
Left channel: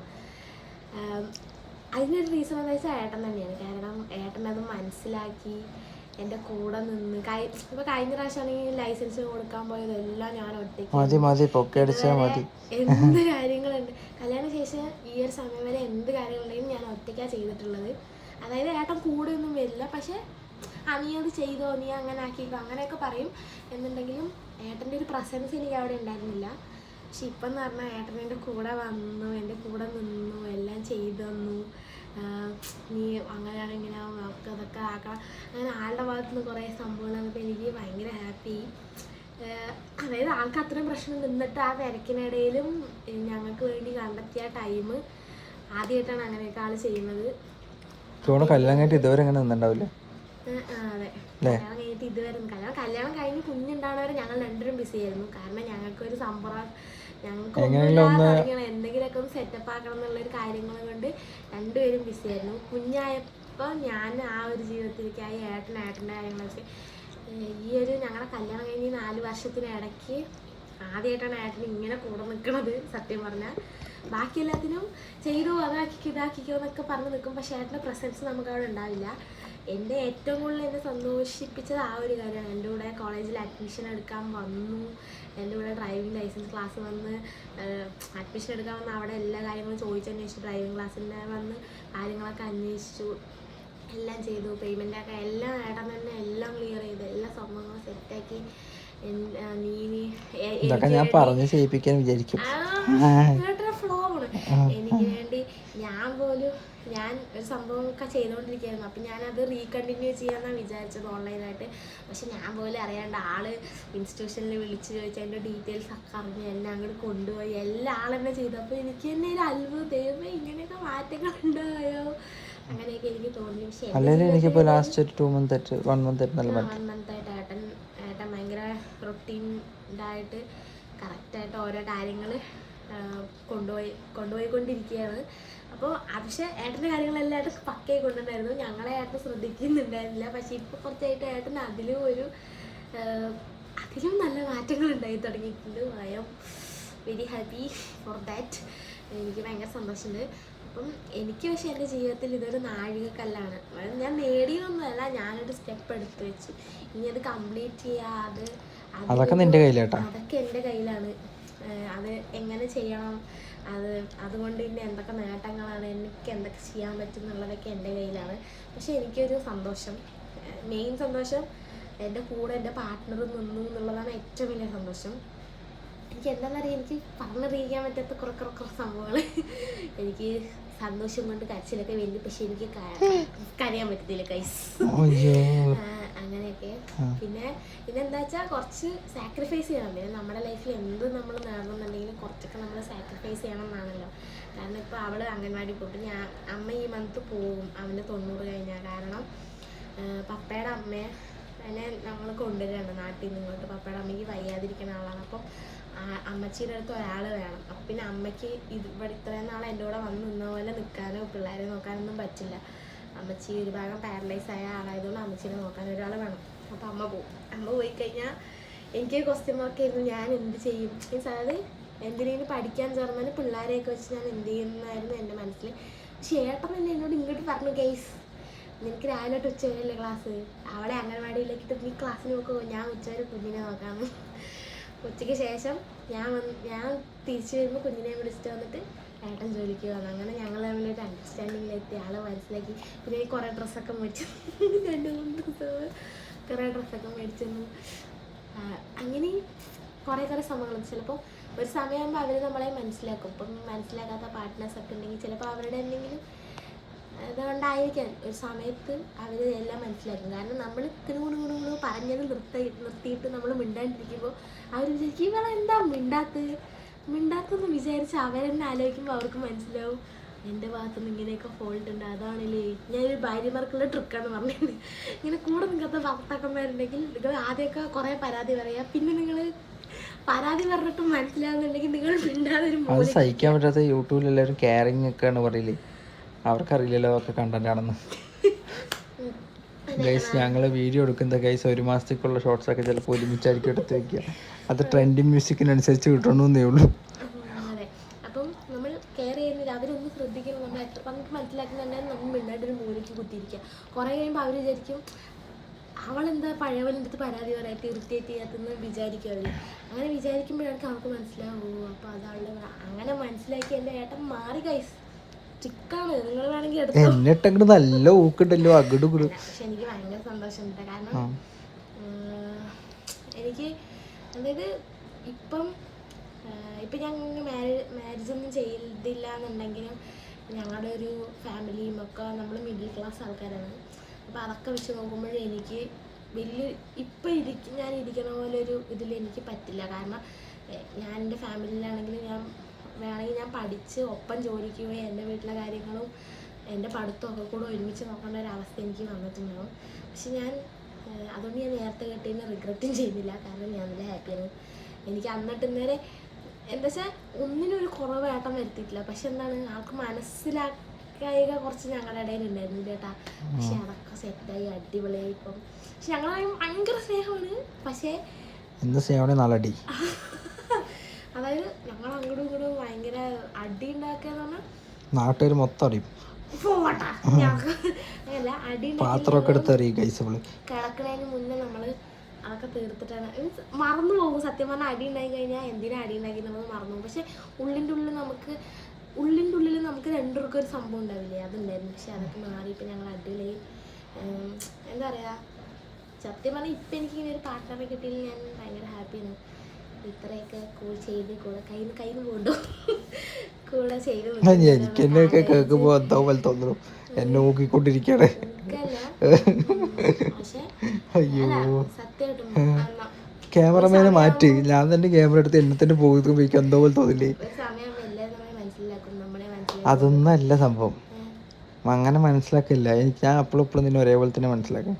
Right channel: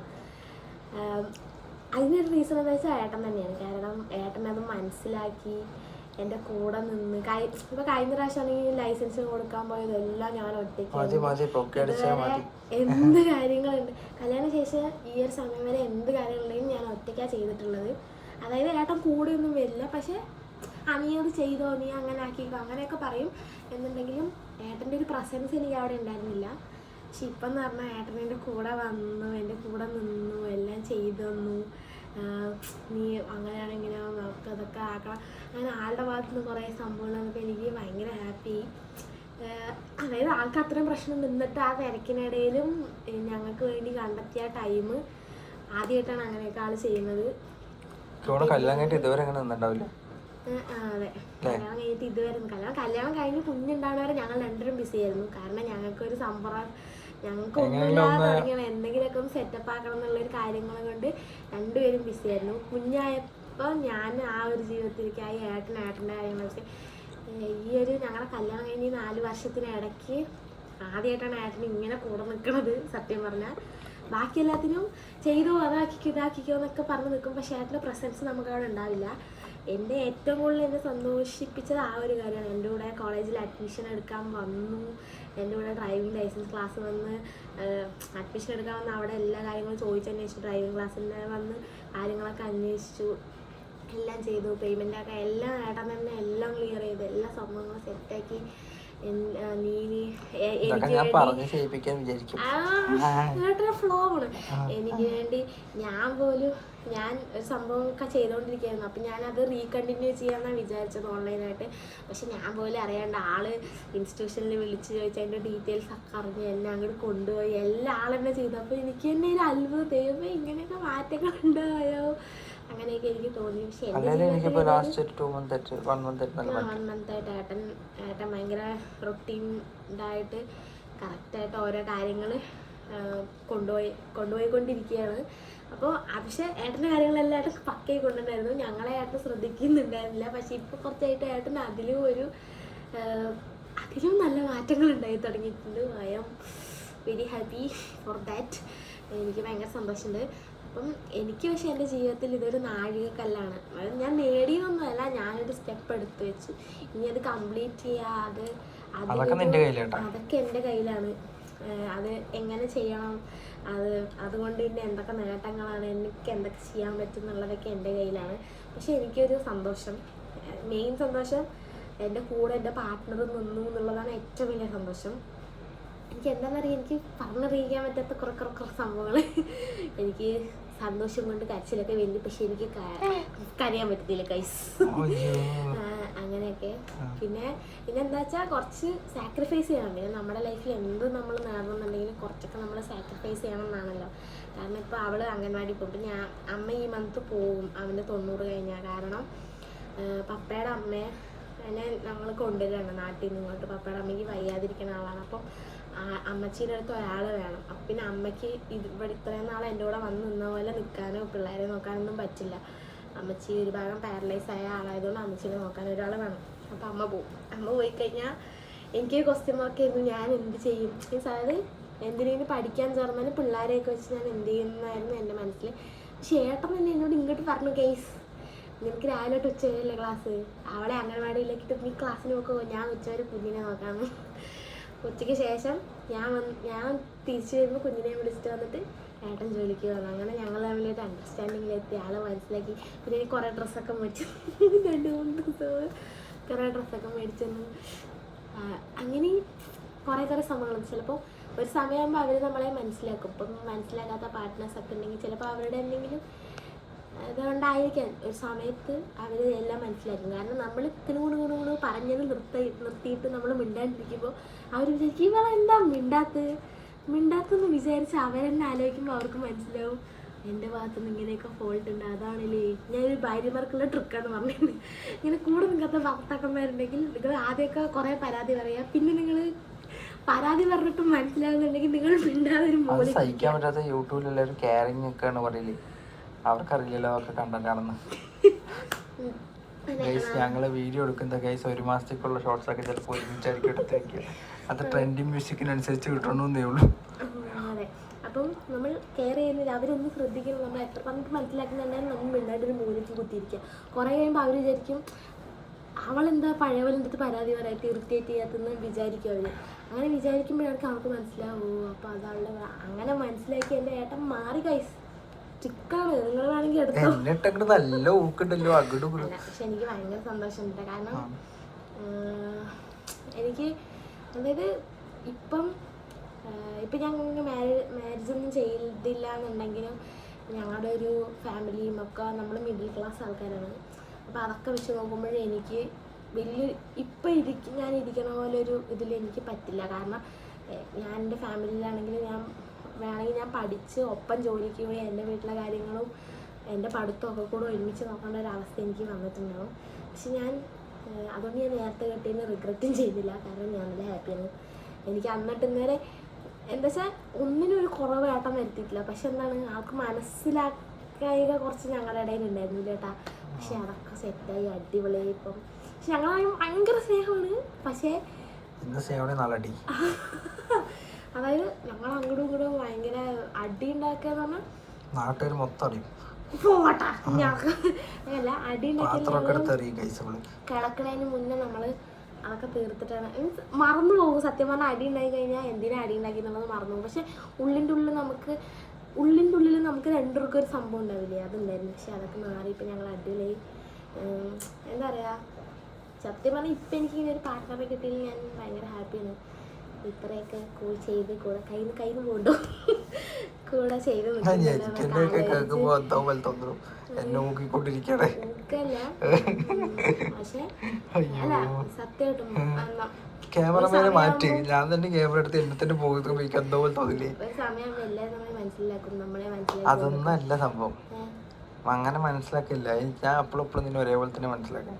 A: അതിനൊരു റീസൺ എന്താ വെച്ചാൽ ഏട്ടൻ തന്നെയാണ്. കാരണം ഏട്ടൻ അത് മനസ്സിലാക്കി എന്റെ കൂടെ നിന്ന് കഴി ഇപ്പോൾ കഴിഞ്ഞ പ്രാവശ്യമാണെങ്കിൽ ലൈസൻസ് കൊടുക്കാൻ പോയതെല്ലാം ഞാൻ ഒറ്റയ്ക്ക് ഇതുവരെ എന്ത് കാര്യങ്ങളുണ്ട്? കല്യാണ ശേഷം ഈ ഒരു സമയം വരെ എന്ത് കാര്യങ്ങളുണ്ടെങ്കിലും ഞാൻ ഒറ്റയ്ക്കാണ് ചെയ്തിട്ടുള്ളത്. അതായത് ഏട്ടൻ കൂടെയൊന്നും വരില്ല. പക്ഷെ ആ നീ അത് ചെയ്തോ നീ അങ്ങനെ ആക്കിക്കോ അങ്ങനെയൊക്കെ പറയും. എന്നുണ്ടെങ്കിലും ഏട്ടന്റെ ഒരു പ്രസൻസ് എനിക്ക് അവിടെ ഉണ്ടായിരുന്നില്ല. പക്ഷെ ഇപ്പം എന്ന് പറഞ്ഞാൽ ഏട്ടൻ എന്റെ കൂടെ വന്നു എന്റെ കൂടെ നിന്നു എല്ലാം ചെയ്തു തന്നു. നീ അങ്ങനെയാണ് ഇങ്ങനെ നമുക്ക് അതൊക്കെ ആക്കണം. അങ്ങനെ ആളുടെ ഭാഗത്തു നിന്ന് കുറേ സംഭവങ്ങൾ എനിക്ക് ഭയങ്കര ഹാപ്പി അതായത് ആൾക്ക് അത്രയും പ്രശ്നം നിന്നിട്ട് ആ തിരക്കിനിടയിലും ഞങ്ങൾക്ക് വേണ്ടി കണ്ടെത്തിയ ടൈം ആദ്യമായിട്ടാണ് അങ്ങനെയൊക്കെ ആൾ ചെയ്യുന്നത്.
B: ചൂട് കല്യാണം കഴിഞ്ഞിട്ട് ഇതുവരെ നിന്നുണ്ടാവില്ലേ
A: കല്യാണം ഇതുവരെ കല്യാണം കല്യാണം കഴിഞ്ഞ് കുഞ്ഞുണ്ടാകുന്നവരെ ഞങ്ങൾ രണ്ടുപേരും ബിസി ആയിരുന്നു. കാരണം ഞങ്ങൾക്ക് ഒരു സംഭവം ഞങ്ങൾക്ക് ഒന്നുമില്ലാതെ തുടങ്ങിയാണ് എന്തെങ്കിലുമൊക്കെ ഒന്ന് സെറ്റപ്പ് ആക്കണം എന്നുള്ളൊരു കാര്യങ്ങൾ കൊണ്ട് രണ്ടുപേരും ബിസി ആയിരുന്നു. കുഞ്ഞായപ്പോൾ ഞാൻ ആ ഒരു ജീവിതത്തിലേക്കായി ഏട്ടൻ ഏട്ടന്റെ കാര്യങ്ങളൊക്കെ ഈ ഒരു ഞങ്ങളുടെ കല്യാണം കഴിഞ്ഞ് നാല് വർഷത്തിനിടയ്ക്ക് ആദ്യമായിട്ടാണ് ഏട്ടൻ ഇങ്ങനെ കൂടെ നിൽക്കുന്നത് സത്യം പറഞ്ഞാൽ. ബാക്കി എല്ലാത്തിനും ചെയ്തോ അതാക്കിക്കോ ഇതാക്കിക്കോ എന്നൊക്കെ പറഞ്ഞ് നിൽക്കും. പക്ഷേ ഏട്ടന്റെ പ്രസൻസ് നമുക്ക് അവിടെ ഉണ്ടാവില്ല. എന്റെ ഏറ്റവും കൂടുതൽ എന്നെ സന്തോഷിപ്പിച്ചത് ആ ഒരു കാര്യമാണ്. എന്റെ കൂടെ കോളേജിൽ അഡ്മിഷൻ എടുക്കാൻ വന്നു. എന്റെ കൂടെ ഡ്രൈവിംഗ് ലൈസൻസ് ക്ലാസ് വന്ന് അഡ്മിഷൻ എടുക്കാൻ വന്ന് അവിടെ എല്ലാ കാര്യങ്ങളും ചോദിച്ചന്വേഷിച്ചു ഡ്രൈവിംഗ് ക്ലാസ്സിന്റെ വന്ന് കാര്യങ്ങളൊക്കെ അന്വേഷിച്ചു. എല്ലാം ചെയ്തു പേയ്മെന്റൊക്കെ എല്ലാം ഏട്ടൻ തന്നെ എല്ലാം ക്ലിയർ ചെയ്തു എല്ലാ സംഭവങ്ങളും സെറ്റാക്കി എനിക്ക്
B: ഞാൻ
A: വേണ്ടി
B: പറഞ്ഞ് ചെയ്യിപ്പിക്കാൻ വിചാരിക്കും.
A: ഫ്ലോ ആണ് എനിക്ക് വേണ്ടി ഞാൻ പോലും ഞാൻ ഒരു സംഭവമൊക്കെ ചെയ്തുകൊണ്ടിരിക്കുകയായിരുന്നു അപ്പം ഞാനത് റീകണ്ടിന്യൂ ചെയ്യാമെന്നാണ് വിചാരിച്ചത് ഓൺലൈനായിട്ട് പക്ഷെ ഞാൻ പോലും അറിയാണ്ട് ആൾ ഇൻസ്റ്റിറ്റ്യൂഷനിൽ വിളിച്ച് ചോദിച്ചാൽ അതിന്റെ ഡീറ്റെയിൽസ് ഒക്കെ അറിഞ്ഞ് എന്നെ അങ്ങോട്ട് കൊണ്ടുപോയി. എല്ലാ ആളെന്നെ ചെയ്തു. അപ്പോൾ എനിക്ക് തന്നെ ഒരു അത്ഭുതം. ദൈവമേ ഇങ്ങനെയൊക്കെ മാറ്റങ്ങൾ ഉണ്ടായോ അങ്ങനെയൊക്കെ എനിക്ക് തോന്നി. പക്ഷെ
B: അല്ലെങ്കിൽ എനിക്കിപ്പോ ലാസ്റ്റ് ടു മന്ത് ആയിട്ട് വൺ മന്ത് ആയിട്ട് നല്ല
A: വൺ മന്ത് ആയിട്ട് ഏട്ടൻ ഏട്ടൻ ഭയങ്കര റൊട്ടീൻഡായിട്ട് കറക്റ്റായിട്ട് ഓരോ കാര്യങ്ങൾ കൊണ്ടുപോയി കൊണ്ടുപോയിക്കൊണ്ടിരിക്കുകയാണ്. അപ്പോൾ പക്ഷേ ഏട്ടന്റെ കാര്യങ്ങളെല്ലാം ഏട്ടൻ പക്കയായി കൊണ്ടുണ്ടായിരുന്നു ഞങ്ങളെ ഏട്ടൻ ശ്രദ്ധിക്കുന്നുണ്ടായിരുന്നില്ല. പക്ഷേ ഇപ്പോൾ കുറച്ചായിട്ട് ഏട്ടൻ അതിലും ഒരു അതിലും നല്ല മാറ്റങ്ങൾ ഉണ്ടായി തുടങ്ങിയിട്ടുണ്ട്. I am very happy for that എനിക്ക് ഭയങ്കര സന്തോഷമുണ്ട്. അപ്പം എനിക്ക് പക്ഷെ എന്റെ ജീവിതത്തിൽ ഇതൊരു നാഴികക്കല്ലാണ്. ഞാൻ നേടിയൊന്നുമല്ല ഞാനൊരു സ്റ്റെപ്പ് എടുത്തു വെച്ചു. ഇനി അത് കംപ്ലീറ്റ് ചെയ്യാ അത്
B: അതൊക്കെ
A: എന്റെ കയ്യിലാണ്. അത് എങ്ങനെ ചെയ്യണം അത് അതുകൊണ്ട് പിന്നെ എന്തൊക്കെ നേട്ടങ്ങളാണ് എനിക്ക് എന്തൊക്കെ ചെയ്യാൻ പറ്റും എന്നുള്ളതൊക്കെ എന്റെ കയ്യിലാണ്. പക്ഷെ എനിക്കൊരു സന്തോഷം. മെയിൻ സന്തോഷം എന്റെ കൂടെ എന്റെ പാർട്ട്ണർ നിന്നു എന്നുള്ളതാണ് ഏറ്റവും വലിയ സന്തോഷം. എനിക്ക് എന്താണെന്നറിയാം എനിക്ക് പറഞ്ഞറിയിക്കാൻ പറ്റാത്ത കുറെ കുറെ കുറെ സംഭവങ്ങൾ എനിക്ക് സന്തോഷം കൊണ്ട് കരച്ചിലൊക്കെ വേണ്ടി പക്ഷെ എനിക്ക് കരയാൻ പറ്റത്തില്ല കൈസ് അങ്ങനെയൊക്കെ. പിന്നെ പിന്നെ എന്താ വെച്ചാൽ കുറച്ച് സാക്രിഫൈസ് ചെയ്യണം. പിന്നെ നമ്മുടെ ലൈഫിൽ എന്ത് നമ്മൾ നേടണമെന്നുണ്ടെങ്കിലും കുറച്ചൊക്കെ നമ്മൾ സാക്രിഫൈസ് ചെയ്യണം എന്നാണല്ലോ കാരണം ഇപ്പോൾ അവൾ അംഗൻവാടി പോകും ഞാൻ അമ്മ ഈ മന്ത് പോവും. അവന്റെ തൊണ്ണൂറ് കഴിഞ്ഞാൽ കാരണം പപ്പയുടെ അമ്മയെ അതിനെ നമ്മൾ കൊണ്ടുവരികയാണ് നാട്ടിൽ നിന്ന് ഇങ്ങോട്ട്. പപ്പയുടെ അമ്മയ്ക്ക് വയ്യാതിരിക്കുന്ന ആളാണ്. അപ്പം അമ്മച്ചീന്റെ അടുത്ത് ഒരാൾ വേണം. പിന്നെ അമ്മയ്ക്ക് ഇവിടെ ഇത്രയും നാൾ എന്റെ കൂടെ വന്ന് നിന്ന പോലെ നിൽക്കാനോ പിള്ളേരെ നോക്കാനൊന്നും പറ്റില്ല. അമ്മച്ചി ഒരു ഭാഗം പാരലൈസ് ആയ ആളായതുകൊണ്ട് അമ്മച്ചീനെ നോക്കാൻ ഒരാൾ വേണം. അപ്പം അമ്മ പോകും അമ്മ പോയി കഴിഞ്ഞാൽ എനിക്ക് ക്വസ്റ്റ്യൻ മാർക്ക് ആയിരുന്നു. ഞാൻ എന്ത് ചെയ്യും? മീൻസ് അതായത് എന്തിനേലും പഠിക്കാൻ ചേർന്നാലും പിള്ളേരെയൊക്കെ വെച്ച് ഞാൻ എന്ത് ചെയ്യുന്നതായിരുന്നു എന്റെ മനസ്സിൽ. പക്ഷേ ഏട്ടൻ തന്നെ എന്നോട് ഇങ്ങോട്ട് പറഞ്ഞു കേസ് നിനക്ക് രാവിലെ തൊട്ട് ഉച്ച വരെയല്ലേ ക്ലാസ് അവളെ അംഗൻവാടിയിലേക്ക് നീ ക്ലാസ്സിന് നോക്കുമോ ഞാൻ ഉച്ചവരെ കുഞ്ഞിനെ നോക്കാമെന്ന് ഉച്ചയ്ക്ക് ശേഷം ഞാൻ വന്ന് ഞാൻ തിരിച്ചു വരുമ്പോൾ കുഞ്ഞിനെ വിളിച്ചിട്ട് വന്നിട്ട് ഏട്ടൻ ജോലിക്ക് വന്നു. അങ്ങനെ ഞങ്ങൾ തമ്മിൽ ഒരു അണ്ടർസ്റ്റാൻഡിങ്ങിലെത്തി ആളെ മനസ്സിലാക്കി. പിന്നെ എനിക്ക് കുറേ ഡ്രസ്സൊക്കെ മേടിച്ചു രണ്ട് മൂന്ന് ദിവസം കുറേ ഡ്രസ്സൊക്കെ മേടിച്ചു തന്നു. ആ, അങ്ങനെ കുറേ കുറേ സംഭവങ്ങൾ ചിലപ്പോൾ ഒരു സമയമാകുമ്പോൾ അവർ നമ്മളെ മനസ്സിലാക്കും. ഇപ്പം മനസ്സിലാക്കാത്ത പാർട്ട്നേഴ്സ് ഒക്കെ ഉണ്ടെങ്കിൽ ചിലപ്പോൾ അവരുടെ എന്തെങ്കിലും അതുകൊണ്ടായിരിക്കാം ഒരു സമയത്ത് അവർ എല്ലാം മനസ്സിലാക്കും കാരണം നമ്മൾ കുണു കുണു കുണു പറഞ്ഞത് നിർത്തി നിർത്തിയിട്ട് നമ്മൾ മിണ്ടാണ്ടിരിക്കുമ്പോൾ അവർ വിചാരിക്കും ഇവളെന്താ മിണ്ടാത്ത? മിണ്ടാത്തെന്ന് വിചാരിച്ച് അവരെന്നെ ആലോചിക്കുമ്പോൾ അവർക്ക് മനസ്സിലാവും എന്റെ ഭാഗത്തുനിന്ന് ഇങ്ങനെയൊക്കെ ഫോൾട്ട് ഉണ്ട്. അതാണല്ലേ ഞാനൊരു ഭാര്യമാർക്കുള്ള ട്രിക്കാന്ന് പറഞ്ഞത് ഇങ്ങനെ കൂടെ നിൽക്കാത്ത ഭർത്താക്കന്മാരുണ്ടെങ്കിൽ നിങ്ങൾ ആദ്യമൊക്കെ കുറേ പരാതി പറയാം. പിന്നെ നിങ്ങൾ പരാതി പറഞ്ഞിട്ടും മനസ്സിലാവുന്നുണ്ടെങ്കിൽ നിങ്ങൾ മിണ്ടാതെ ഒരു
B: സഹിക്കാൻ പറ്റാത്ത യൂട്യൂബിൽ എല്ലാവരും കെയറിങ് ഒക്കെയാണ് പറയൽ അവർക്കറിയില്ലല്ലോ അവർക്ക് കണ്ടന്റ് ആണെന്ന്. ഗൈസ് ഞങ്ങൾ വീഡിയോ എടുക്കുന്ന ഗൈസ് ഒരു മാസത്തേക്കുള്ള ഷോർട്സ് ഒക്കെ ചിലപ്പോൾ ഒരുമിച്ചായിരിക്കും എടുത്ത് വയ്ക്കുക അത് ട്രെൻഡിങ് മ്യൂസിക്കിനനുസരിച്ച് കിട്ടണമെന്നേ ഉള്ളൂ.
A: അപ്പം നമ്മൾ കെയർ ചെയ്യുന്നില്ല അവരൊന്ന് ശ്രദ്ധിക്കണം. നമ്മൾ എത്ര പറഞ്ഞിട്ട് മനസ്സിലാക്കുന്നുണ്ടെങ്കിൽ നമ്മൾ മിണ്ടാണ്ട് ഒരു മൂലയ്ക്ക് കുത്തിയിരിക്കുക. കുറേ കഴിയുമ്പോൾ അവർ വിചാരിക്കും അവളെന്താ പഴയവന്റെ അടുത്ത് പരാതി പറയായിട്ട് ഇറിറ്റേറ്റ് ചെയ്യാത്തെന്ന് വിചാരിക്കും അവർ അങ്ങനെ വിചാരിക്കുമ്പോഴാണ് അവർക്ക് മനസ്സിലാവൂ അപ്പോൾ അതവളുടെ അങ്ങനെ മനസ്സിലാക്കി എന്റെ ഏട്ടൻ മാറി കൈസ് ചിക്കാണ്. നിങ്ങൾ വേണമെങ്കിൽ എടുത്തോ.
B: എന്നിട്ട് നല്ല ഊക്കുണ്ടല്ലോ. അകിടും
A: പക്ഷെ എനിക്ക് ഭയങ്കര സന്തോഷമുണ്ട്. കാരണം എനിക്ക് അതായത് ഇപ്പം ഇപ്പം ഞങ്ങൾ മാരേജ് മാരേജ് ഒന്നും ചെയ്തില്ല എന്നുണ്ടെങ്കിലും ഞങ്ങളുടെ ഒരു ഫാമിലിയും ഒക്കെ നമ്മൾ മിഡിൽ ക്ലാസ് ആൾക്കാരാണ്. അപ്പോൾ അതൊക്കെ വെച്ച് നോക്കുമ്പോഴേ എനിക്ക് വലിയ ഇപ്പം ഇരിക്ക ഞാൻ ഇരിക്കണ പോലെ ഒരു ഇതിൽ എനിക്ക് പറ്റില്ല. കാരണം ഞാൻ എന്റെ ഫാമിലിയിലാണെങ്കിൽ ഞാൻ വേണമെങ്കിൽ ഞാൻ പഠിച്ച് ഒപ്പം ജോലിക്ക് പോയി എന്റെ വീട്ടിലെ കാര്യങ്ങളും എന്റെ പഠിത്തമൊക്കെ കൂടെ ഒരുമിച്ച് നോക്കേണ്ട ഒരു അവസ്ഥ എനിക്ക് വന്നിട്ടുണ്ടാവും. പക്ഷെ ഞാൻ അതുകൊണ്ട് ഞാൻ നേരത്തെ കെട്ടിയതിന് റിഗ്രറ്റും ചെയ്തില്ല കാരണം ഞാൻ നല്ല ഹാപ്പിയാണ് എനിക്ക് അന്നിട്ട് നേരെ എന്താ വെച്ചാൽ ഒന്നിനും ഒരു കുറവ് ഏട്ടം വരുത്തിയിട്ടില്ല. പക്ഷെ എന്താണ് ആൾക്ക് മനസ്സിലാക്കുക കുറച്ച് ഞങ്ങളുടെ ഇടയിൽ ഉണ്ടായിരുന്നു ചേട്ടാ പക്ഷെ അതൊക്കെ സെറ്റായി അടിപൊളിയായി ഇപ്പം. പക്ഷെ ഞങ്ങളായും ഭയങ്കര സ്നേഹമാണ്. പക്ഷേ
B: ഇന്ന് സ്നേഹമാണ് നാളടി
A: അതായത് ഞങ്ങൾ അങ്ങോട്ടും ഇങ്ങോട്ടും ഭയങ്കര അടി പറഞ്ഞാൽ
B: നാട്ടുകാർ മൊത്തം അറിയും
A: അല്ല അടി കിടക്കണതിന് മുന്നേ നമ്മൾ അതൊക്കെ തീർത്തിട്ടാണ്. മീൻസ് മറന്നു പോകും. സത്യം പറഞ്ഞാൽ അടി ഉണ്ടായി കഴിഞ്ഞാൽ എന്തിനാ അടി ഉണ്ടാക്കി നമ്മൾ മറന്നു പോകും. പക്ഷെ ഉള്ളിന്റെ ഉള്ളിൽ നമുക്ക് ഉള്ളിന്റെ ഉള്ളിൽ നമുക്ക് രണ്ടുപേർക്കും ഒരു സംഭവം ഉണ്ടാവില്ലേ? അതുണ്ടായിരുന്നു പക്ഷെ അതൊക്കെ മാറി ഇപ്പം ഞങ്ങൾ അടിയിലായി. എന്താ പറയുക സത്യം പറഞ്ഞാൽ ഇപ്പം എനിക്ക് ഇങ്ങനെ ഒരു പാർട്ട്ണറെ കിട്ടിയതിൽ ഞാൻ ഭയങ്കര ഹാപ്പിയാണ്. ഇത്രയൊക്കെ കൂൾ ചെയ്ത് കൂടെ കയ്യിൽ നിന്ന് കയ്യിൽ നിന്ന് പോകണ്ടോ കൂടെ ചെയ്ത്
B: എനിക്ക് എന്നെയൊക്കെ കേൾക്കുമ്പോ എന്താ പോലെ തോന്നുന്നു എന്നെ
A: സത്യമായിട്ടും
B: ക്യാമറമാനെ മാറ്റി. ഞാൻ തന്നെ ക്യാമറ എടുത്ത് എന്നെ തന്നെ പോകുമ്പോൾ എനിക്ക് എന്തോ പോലെ തോന്നില്ലേ? അതൊന്നല്ല സംഭവം. അങ്ങനെ മനസ്സിലാക്കില്ല. എനിക്ക് ഞാൻ അപ്പോഴും ഇപ്പോഴും നിന്നെ ഒരേപോലെ തന്നെ മനസ്സിലാക്കും.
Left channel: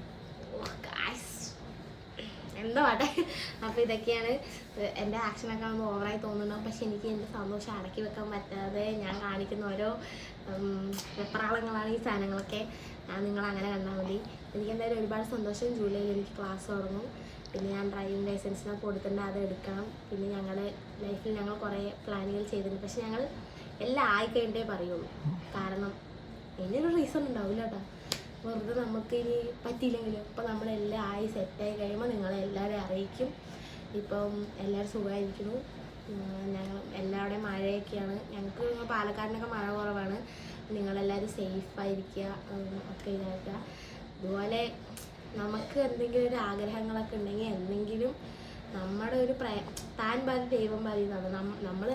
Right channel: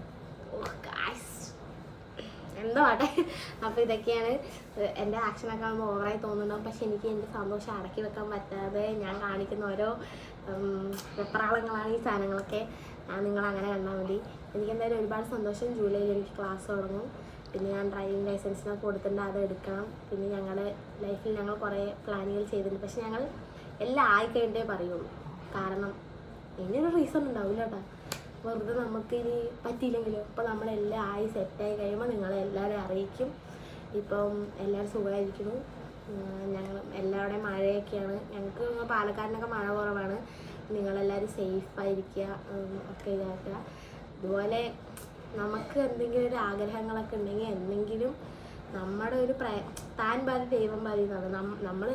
A: എന്താ ആട്ടെ. അപ്പൊ ഇതൊക്കെയാണ് എന്റെ ആക്ഷനൊക്കെ ആകുമ്പോൾ ഓവറായി തോന്നുന്നു പക്ഷെ എനിക്ക് എന്റെ സന്തോഷം അടക്കി വെക്കാൻ പറ്റാതെ ഞാൻ കാണിക്കുന്ന ഓരോ വെപ്രാളങ്ങളാണ് ഈ സാധനങ്ങളൊക്കെ. നിങ്ങൾ അങ്ങനെ കണ്ടാൽ മതി. എനിക്ക് എന്തായാലും ഒരുപാട് സന്തോഷം ജൂലൈയിൽ എനിക്ക് ക്ലാസ് തുടങ്ങും. പിന്നെ ഞാൻ ഡ്രൈവിംഗ് ലൈസൻസിനൊക്കെ കൊടുത്തിട്ടുണ്ട് അത് എടുക്കണം. പിന്നെ ഞങ്ങളുടെ ലൈഫിൽ ഞങ്ങൾ കുറേ പ്ലാനുകൾ ചെയ്തിട്ടുണ്ട്. പക്ഷെ ഞങ്ങൾ എല്ലാം ആയിക്കഴിഞ്ഞേ പറയുള്ളൂ. കാരണം ഇനിയൊരു റീസൺ ഉണ്ടാവില്ല കേട്ടോ. വെറുതെ നമുക്ക് ഇനി പറ്റിയില്ലെങ്കിലോ? ഇപ്പം നമ്മളെല്ലാം ആയി സെറ്റായി കഴിയുമ്പോൾ നിങ്ങളെ എല്ലാവരെയും അറിയിക്കും. ഇപ്പം എല്ലാവരും സുഖമായിരിക്കുന്നു. ഞങ്ങൾ എല്ലാവരുടെയും മഴയൊക്കെയാണ്. ഞങ്ങൾക്ക് പാലക്കാടിനൊക്കെ മഴ കുറവാണ്. നിങ്ങളെല്ലാവരും സേഫായിരിക്കുക ഒക്കെ ഇതാക്കുക. അതുപോലെ നമുക്ക് എന്തെങ്കിലും ഒരു ആഗ്രഹങ്ങളൊക്കെ ഉണ്ടെങ്കിൽ എന്തെങ്കിലും നമ്മുടെ ഒരു പ്രയ താൻ പാതി ദൈവം പാതി എന്നാണ്. നമ്മൾ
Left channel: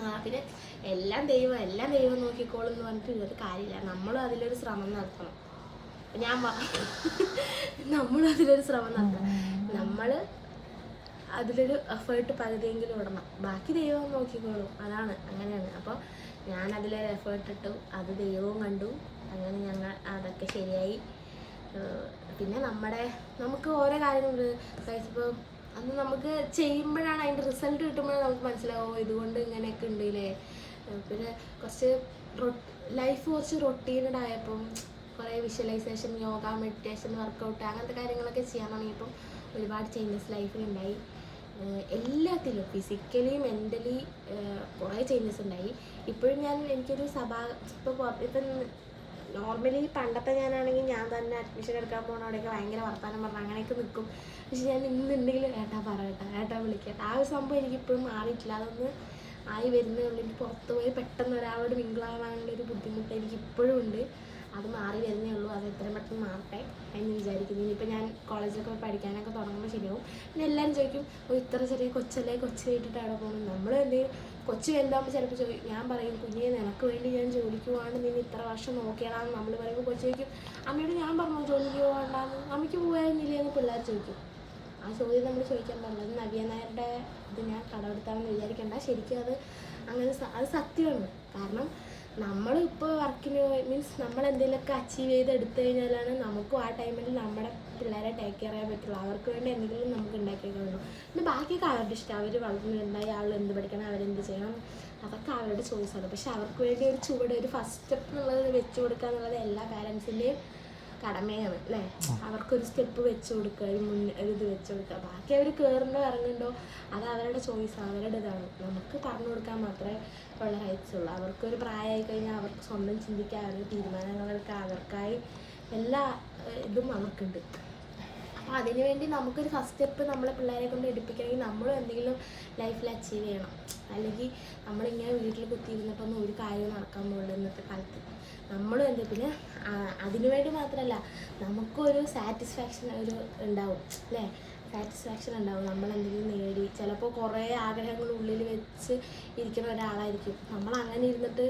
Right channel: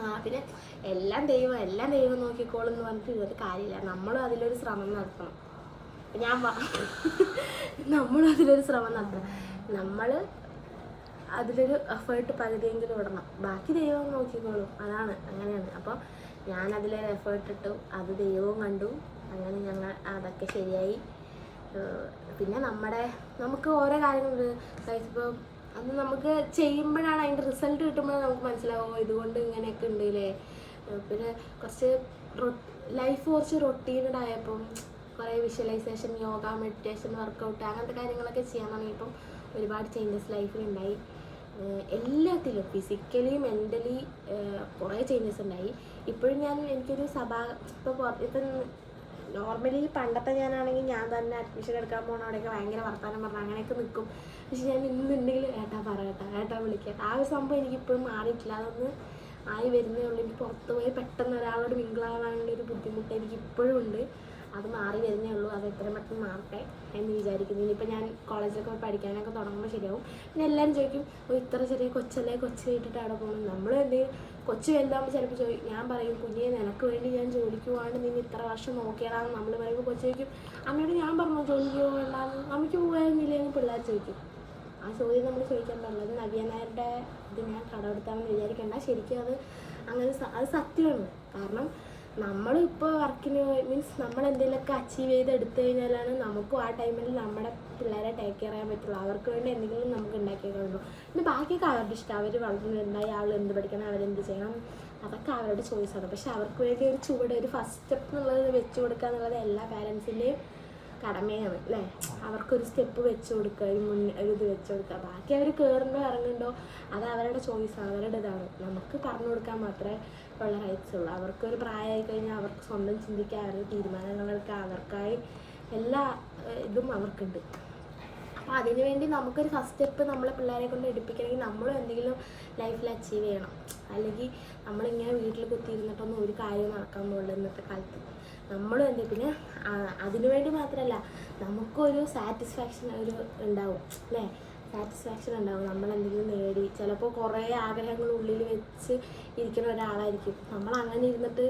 A: ആ പിന്നെ എല്ലാം ദൈവം എല്ലാം ദൈവം നോക്കിക്കോളും എന്ന് പറഞ്ഞിട്ട് ഇതൊരു കാര്യമില്ല. നമ്മളും അതിലൊരു ശ്രമം നടത്തണം. ഞാൻ നമ്മളും അതിലൊരു ശ്രമം നടത്തണം. നമ്മൾ അതിലൊരു എഫേർട്ട് പകുതിയെങ്കിലും ഇടണം. ബാക്കി ദൈവം നോക്കിക്കോളും. അതാണ് അങ്ങനെയാണ്. അപ്പോൾ ഞാൻ അതിലൊരു എഫേർട്ട് ഇട്ടു അത് ദൈവവും കണ്ടു. അങ്ങനെ ഞങ്ങൾ അതൊക്കെ ശരിയായി. പിന്നെ നമ്മുടെ നമുക്ക് ഓരോ കാര്യങ്ങളുണ്ട്. ഇപ്പോൾ അന്ന് നമുക്ക് ചെയ്യുമ്പോഴാണ് അതിന്റെ റിസൾട്ട് കിട്ടുമ്പോഴാണ് നമുക്ക് മനസ്സിലാവും ഇതുകൊണ്ട് ഇങ്ങനെയൊക്കെ ഉണ്ട് ഇല്ലേ ഏഹ് പിന്നെ കുറച്ച് ലൈഫ് കുറച്ച് റൊട്ടീനഡ് ആയപ്പം കുറേ വിഷ്വലൈസേഷൻ യോഗ മെഡിറ്റേഷൻ വർക്കൗട്ട് അങ്ങനത്തെ കാര്യങ്ങളൊക്കെ ചെയ്യാൻ തുടങ്ങിയപ്പം ഒരുപാട് ചേഞ്ചസ് ലൈഫിൽ ഉണ്ടായി. എല്ലാത്തിലും ഫിസിക്കലി മെന്റലി കുറേ ചേഞ്ചസ് ഉണ്ടായി. ഇപ്പോഴും ഞാൻ എനിക്കൊരു സഭാ ഇപ്പോൾ ഇപ്പം നോർമലി പണ്ടത്തെ ഞാനാണെങ്കിൽ ഞാൻ തന്നെ അഡ്മിഷൻ എടുക്കാൻ പോകണ അവിടെയൊക്കെ ഭയങ്കര വർത്തമാനം പറഞ്ഞു അങ്ങനെയൊക്കെ നിൽക്കും പക്ഷെ ഞാൻ ഇന്നുണ്ടെങ്കിൽ ഏട്ടാ പറയട്ടെ ഏട്ടാ വിളിക്കട്ടെ. ആ ഒരു സംഭവം എനിക്കിപ്പോഴും മാറിയിട്ടില്ല. അതൊന്ന് ആയി വരുന്നേ ഉള്ളൂ. എനിക്ക് പുറത്ത് പോയി പെട്ടെന്ന് ഒരാളോട് മിങ്കിളാവാനുള്ള ഒരു ബുദ്ധിമുട്ട് എനിക്ക് ഇപ്പോഴും ഉണ്ട്. അത് മാറി വരുന്നേ ഉള്ളൂ. അത് എത്രയും പെട്ടെന്ന് മാറട്ടെ എന്ന് വിചാരിക്കുന്നു. ഇനിയിപ്പോൾ ഞാൻ കോളേജിലൊക്കെ പഠിക്കാനൊക്കെ തുടങ്ങുമ്പോൾ ശരിയാവും. പിന്നെ എല്ലാവരും ചോദിക്കും ഓ ഇത്ര ചെറിയ കൊച്ചല്ലേ? കൊച്ചു കേട്ടിട്ട് അവിടെ പോകണം നമ്മൾ എന്തെങ്കിലും കൊച്ചു വലുതാകുമ്പോൾ ചിലപ്പോൾ ചോദിക്കും ഞാൻ പറയും കുഞ്ഞെ നിനക്ക് വേണ്ടി ഞാൻ ജോലിക്ക് പോകാണ്ട് നിന്നെ ഇത്ര വർഷം നോക്കിയടാന്ന് നമ്മൾ പറയുമ്പോൾ കൊച്ചു ചോദിക്കും അമ്മയോട് ഞാൻ പറഞ്ഞു ജോലിക്ക് പോകണ്ടെന്ന് അമ്മയ്ക്ക് പോകാനില്ലേ എന്ന് പിള്ളേർ ചോദിക്കും. ആ ചോദ്യം നമ്മൾ ചോദിക്കാൻ പാടില്ല അത് നവ്യ നായരുടെ ഇത് ഞാൻ കടമെടുത്താണെന്ന് വിചാരിക്കണ്ട. ശരിക്കും അത് അങ്ങനെ അത് സത്യമാണ്. കാരണം നമ്മൾ ഇപ്പോൾ വർക്കിന് മീൻസ് നമ്മൾ എന്തെങ്കിലുമൊക്കെ അച്ചീവ് ചെയ്ത് എടുത്തു കഴിഞ്ഞാലാണ് നമുക്കും ആ ടൈമിൽ നമ്മുടെ പിള്ളേരെ ടേക്ക് കെയർ ചെയ്യാൻ പറ്റുള്ളൂ. അവർക്ക് വേണ്ടി എന്തെങ്കിലും നമുക്ക് ഉണ്ടാക്കിയേക്കാൻ പറ്റുള്ളൂ പിന്നെ ബാക്കിയൊക്കെ അവരുടെ ഇഷ്ടം. അവർ വളർന്നിട്ടുണ്ടായി ആൾ എന്ത് പഠിക്കണം അവരെന്ത് ചെയ്യണം അതൊക്കെ അവരുടെ ചോയ്സാണ് പക്ഷെ അവർക്ക് വേണ്ടി ഒരു ചുവട് ഒരു ഫസ്റ്റ് സ്റ്റെപ്പ് എന്നുള്ളത് വെച്ചു കൊടുക്കുക എന്നുള്ളത് എല്ലാ പാരൻസിന്റെയും കടമയാണ് അല്ലേ? അവർക്കൊരു സ്റ്റെപ്പ് വെച്ച് കൊടുക്കുക ഒരു മുൻ ഒരു ഇത് വെച്ച് കൊടുക്കുക. ബാക്കി അവർ കയറുണ്ടോ ഇറങ്ങുന്നുണ്ടോ? അത് അവരുടെ ചോയ്സ് അവരുടെ ഇതാണ് നമുക്ക് പറഞ്ഞു കൊടുക്കാൻ മാത്രമേ ഉള്ള റൈറ്റ്സ് ഉള്ളൂ. അവർക്കൊരു പ്രായമായി കഴിഞ്ഞാൽ അവർക്ക് സ്വന്തം ചിന്തിക്കാൻ അവരുടെ തീരുമാനങ്ങൾക്ക് അവർക്കായി എല്ലാ ഇതും അവർക്കുണ്ട്. അപ്പം അപ്പോൾ അതിനുവേണ്ടി നമുക്കൊരു ഫസ്റ്റ് സ്റ്റെപ്പ് നമ്മളെ പിള്ളേരെ കൊണ്ട് എടുപ്പിക്കണമെങ്കിൽ നമ്മളും എന്തെങ്കിലും ലൈഫിൽ അച്ചീവ് ചെയ്യണം. അല്ലെങ്കിൽ നമ്മളിങ്ങനെ വീട്ടിൽ കുത്തിയിരുന്നിട്ടൊന്നും ഒരു കാര്യവും നടക്കാൻ പോകുള്ളൂ ഇന്നത്തെ കാലത്ത്. നമ്മളും എന്ത് പിന്നെ അതിനു വേണ്ടി മാത്രമല്ല നമുക്കൊരു സാറ്റിസ്ഫാക്ഷൻ ഒരു ഉണ്ടാവും അല്ലേ? സാറ്റിസ്ഫാക്ഷൻ ഉണ്ടാവും. നമ്മൾ എന്തെങ്കിലും നേടി ചിലപ്പോൾ കുറേ ആഗ്രഹങ്ങൾ ഉള്ളിൽ വെച്ച് ഇരിക്കുന്ന ഒരാളായിരിക്കും. നമ്മൾ അങ്ങനെ ഇരുന്നിട്ട്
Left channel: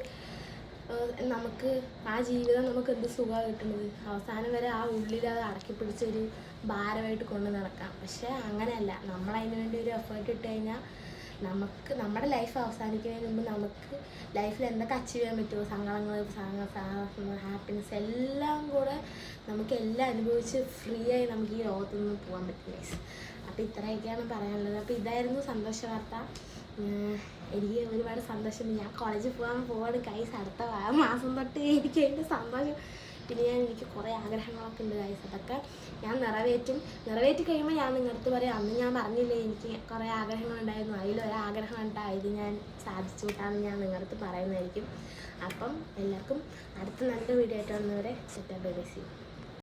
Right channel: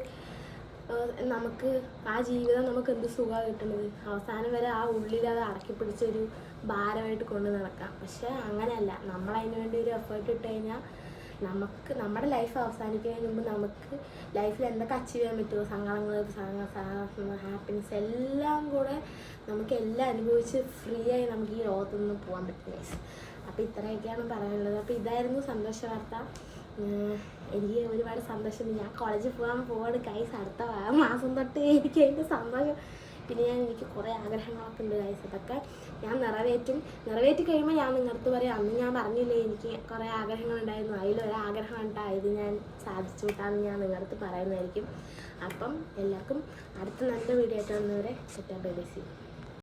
A: നമുക്ക് ആ ജീവിതം നമുക്ക് എന്ത് സുഖമാണ് കിട്ടുന്നത്? അവസാനം വരെ ആ ഉള്ളിൽ അത് അടക്കി പിടിച്ചൊരു ഭാരമായിട്ട് കൊണ്ട് നടക്കാം. പക്ഷേ അങ്ങനെയല്ല. നമ്മൾ അതിനു വേണ്ടി ഒരു എഫേർട്ട് ഇട്ട് കഴിഞ്ഞാൽ നമുക്ക് നമ്മുടെ ലൈഫ് അവസാനിക്കുന്നതിന് മുമ്പ് നമുക്ക് ലൈഫിൽ എന്തൊക്കെ അച്ചീവ് ചെയ്യാൻ പറ്റുമോ? സങ്കടങ്ങൾ ഹാപ്പിനെസ് എല്ലാം കൂടെ നമുക്ക് എല്ലാം അനുഭവിച്ച് ഫ്രീ ആയി നമുക്ക് ഈ ലോകത്തു നിന്ന് പോകാൻ പറ്റും ഗൈസ് അപ്പോൾ ഇത്രയൊക്കെയാണ് പറയാനുള്ളത്. അപ്പോൾ ഇതായിരുന്നു സന്തോഷ വാർത്ത. എനിക്ക് ഒരുപാട് സന്തോഷമുണ്ട്. ഞാൻ കോളേജിൽ പോകാൻ പോവാണ് ഗൈസ് അടുത്ത മാസം തൊട്ട് എനിക്ക് അതിന്റെ സന്തോഷം. പിന്നെ ഞാൻ എനിക്ക് കുറേ ആഗ്രഹങ്ങളൊക്കെ ഉണ്ട് ഗൈസ് അതൊക്കെ ഞാൻ നിറവേറ്റും. നിറവേറ്റി കഴിയുമ്പോൾ ഞാൻ നിങ്ങളടുത്ത് പറയാം അന്ന് ഞാൻ പറഞ്ഞില്ലേ എനിക്ക് കുറേ ആഗ്രഹങ്ങളുണ്ടായിരുന്നു അതിലൊരാഗ്രഹം ഉണ്ടായത് ഞാൻ സാധിച്ചു വിട്ടാന്ന് ഞാൻ നിങ്ങളടുത്ത് പറയുന്നതായിരിക്കും. അപ്പം എല്ലാവർക്കും അടുത്ത നല്ല വീഡിയോ ആയിട്ട് വന്നവരെ സെറ്റാ ബൈ ബൈ സി